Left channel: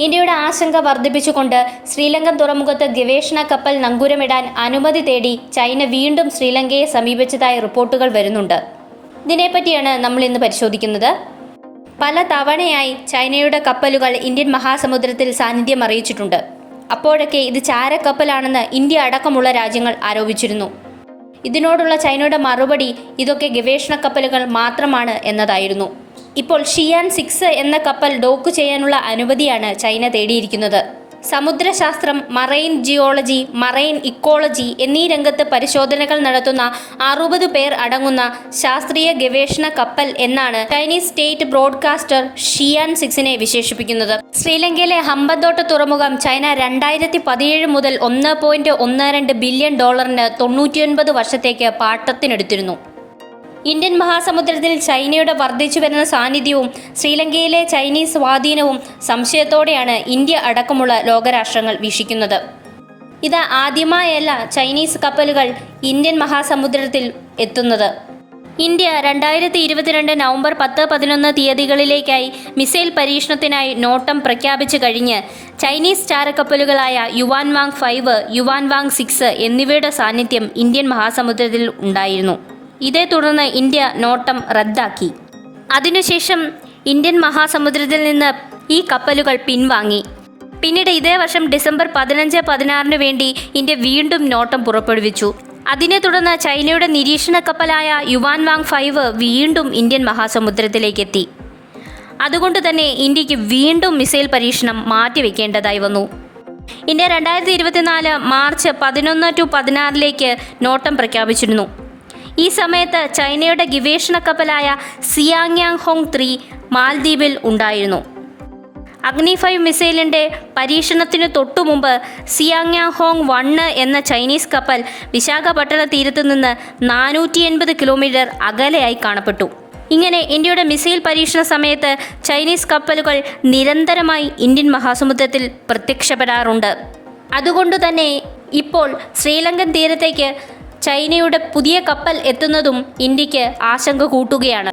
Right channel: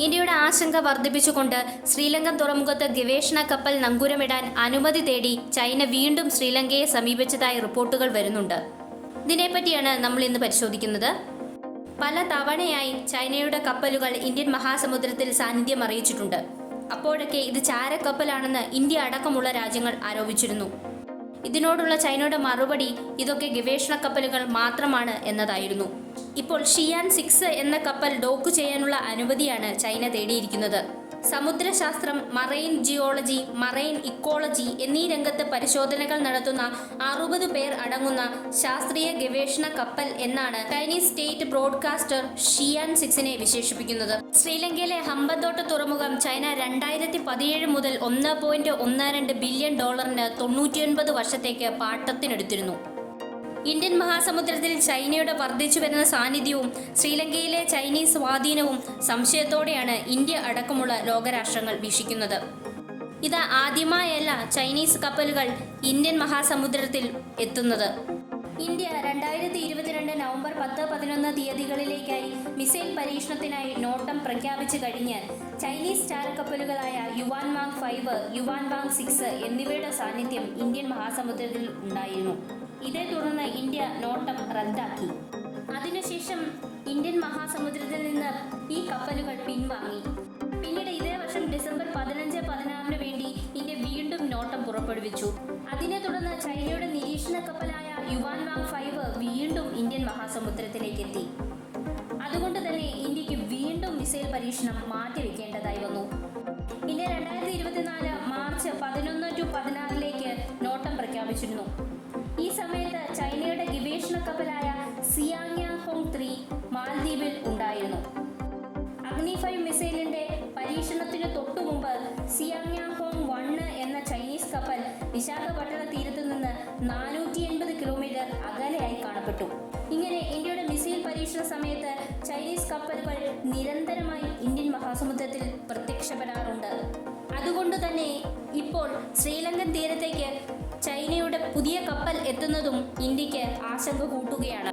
ഇന്ത്യയുടെ ആശങ്ക വർദ്ധിപ്പിച്ചുകൊണ്ട് ശ്രീലങ്കൻ തുറമുഖത്ത് ഗവേഷണ കപ്പൽ നങ്കൂരമിടാൻ അനുമതി തേടി ചൈന വീണ്ടും ശ്രീലങ്കയെ സമീപിച്ചതായി റിപ്പോർട്ടുകൾ വരുന്നുണ്ട്. ഇതിനെപ്പറ്റിയാണ് നമ്മൾ ഇന്ന് പരിശോധിക്കുന്നത്. പല തവണയായി ചൈനയുടെ കപ്പലുകൾ ഇന്ത്യൻ മഹാസമുദ്രത്തിൽ സാന്നിധ്യം അറിയിച്ചിട്ടുണ്ട്. അപ്പോഴൊക്കെ ഇത് ചാരക്കപ്പലാണെന്ന് ഇന്ത്യ അടക്കമുള്ള രാജ്യങ്ങൾ ആരോപിച്ചിരുന്നു. ഇതിനോടുള്ള ചൈനയുടെ മറുപടി ഇതൊക്കെ ഗവേഷണ കപ്പലുകൾ മാത്രമാണ് എന്നതായിരുന്നു. ഇപ്പോൾ ഷിയാൻ സിക്സ് എന്ന കപ്പൽ ഡോക്ക് ചെയ്യാനുള്ള അനുമതിയാണ് ചൈന തേടിയിരിക്കുന്നത്. സമുദ്രശാസ്ത്രം മറൈൻ ജിയോളജി മറൈൻ ഇക്കോളജി എന്നീ രംഗത്ത് പരിശോധനകൾ നടത്തുന്ന അറുപത് പേർ അടങ്ങുന്ന ശാസ്ത്രീയ ഗവേഷണ കപ്പൽ എന്നാണ് ചൈനീസ് സ്റ്റേറ്റ് ബ്രോഡ്കാസ്റ്റർ ഷിയാൻ സിക്സിനെ വിശേഷിപ്പിക്കുന്നത്. ശ്രീലങ്കയിലെ ഹമ്പന്തോട്ട തുറമുഖം ചൈന രണ്ടായിരത്തി പതിനേഴ് മുതൽ ഒന്ന് പോയിന്റ് ഒന്ന് രണ്ട് ബില്യൺ ഡോളറിന് തൊണ്ണൂറ്റിയൊൻപത് വർഷത്തേക്ക് പാട്ടത്തിനെടുത്തിരുന്നു. ഇന്ത്യൻ മഹാസമുദ്രത്തിൽ ചൈനയുടെ വർദ്ധിച്ചു വരുന്ന സാന്നിധ്യവും ശ്രീലങ്കയിലെ ചൈനീസ് സ്വാധീനവും സംശയത്തോടെയാണ് ഇന്ത്യ അടക്കമുള്ള ലോകരാഷ്ട്രങ്ങൾ വീക്ഷിക്കുന്നത്. ഇത് ആദ്യമായല്ല ചൈനീസ് കപ്പലുകൾ ഇന്ത്യൻ മഹാസമുദ്രത്തിൽ എത്തുന്നത്. ഇന്ത്യ രണ്ടായിരത്തി ഇരുപത്തിരണ്ട് നവംബർ പത്ത് പതിനൊന്ന് തീയതികളിലേക്കായി മിസൈൽ പരീക്ഷണത്തിനായി നോട്ടം പ്രഖ്യാപിച്ചു കഴിഞ്ഞ് Chinese ചാരക്കപ്പലുകളായ Yuan Wang five Yuan Wang six എന്നിവയുടെ സാന്നിധ്യം ഇന്ത്യൻ മഹാസമുദ്രത്തിൽ ഉണ്ടായിരുന്നു. ഇതേ തുടർന്ന് ഇന്ത്യ നോട്ടം റദ്ദാക്കി. അതിനുശേഷം ഇന്ത്യൻ മഹാസമുദ്രത്തിൽ നിന്ന് ഈ കപ്പലുകൾ പിൻവാങ്ങി. പിന്നീട് ഇതേ വർഷം ഡിസംബർ പതിനഞ്ച് പതിനാറിന് വേണ്ടി ഇന്ത്യ വീണ്ടും നോട്ടം പുറപ്പെടുവിച്ചു. അതിനെ തുടർന്ന് ചൈനയുടെ നിരീക്ഷണ കപ്പലായ യുവാൻ വാങ് ഫൈവ് വീണ്ടും ഇന്ത്യൻ മഹാസമുദ്രത്തിലേക്ക് എത്തി. അതുകൊണ്ട് തന്നെ ഇന്ത്യയ്ക്ക് വീണ്ടും മിസൈൽ പരീക്ഷണം മാറ്റിവെക്കേണ്ടതായി വന്നു. ഇന്ത്യ രണ്ടായിരത്തി ഇരുപത്തിനാല് മാർച്ച് പതിനൊന്ന് ടു പതിനാറിലേക്ക് നോട്ടം പ്രഖ്യാപിച്ചിരുന്നു. ഈ സമയത്ത് ചൈനയുടെ ഗവേഷണ കപ്പലായ സിയാങ്യാങ് ഹോങ് ത്രീ മാൽദ്വീപിൽ ഉണ്ടായിരുന്നു. അഗ്നി ഫൈവ് മിസൈലിന്റെ പരീക്ഷണത്തിന് തൊട്ടു മുമ്പ് സിയാങ്യാങ് ഹോങ് വണ്ണ് എന്ന ചൈനീസ് കപ്പൽ വിശാഖപട്ടണ തീരത്ത് നിന്ന് നാനൂറ്റി എൺപത് കിലോമീറ്റർ അകലെയായി കാണപ്പെട്ടു. ഇങ്ങനെ ഇന്ത്യയുടെ മിസൈൽ പരീക്ഷണ സമയത്ത് ചൈനീസ് കപ്പലുകൾ നിരന്തരമായി ഇന്ത്യൻ മഹാസമുദ്രത്തിൽ പ്രത്യക്ഷപ്പെടാറുണ്ട്. അതുകൊണ്ട് തന്നെ ഇപ്പോൾ ശ്രീലങ്കൻ തീരത്തേക്ക് ചൈനയുടെ പുതിയ കപ്പൽ എത്തുന്നതും ഇന്ത്യയ്ക്ക് ആശങ്ക കൂട്ടുകയാണ്.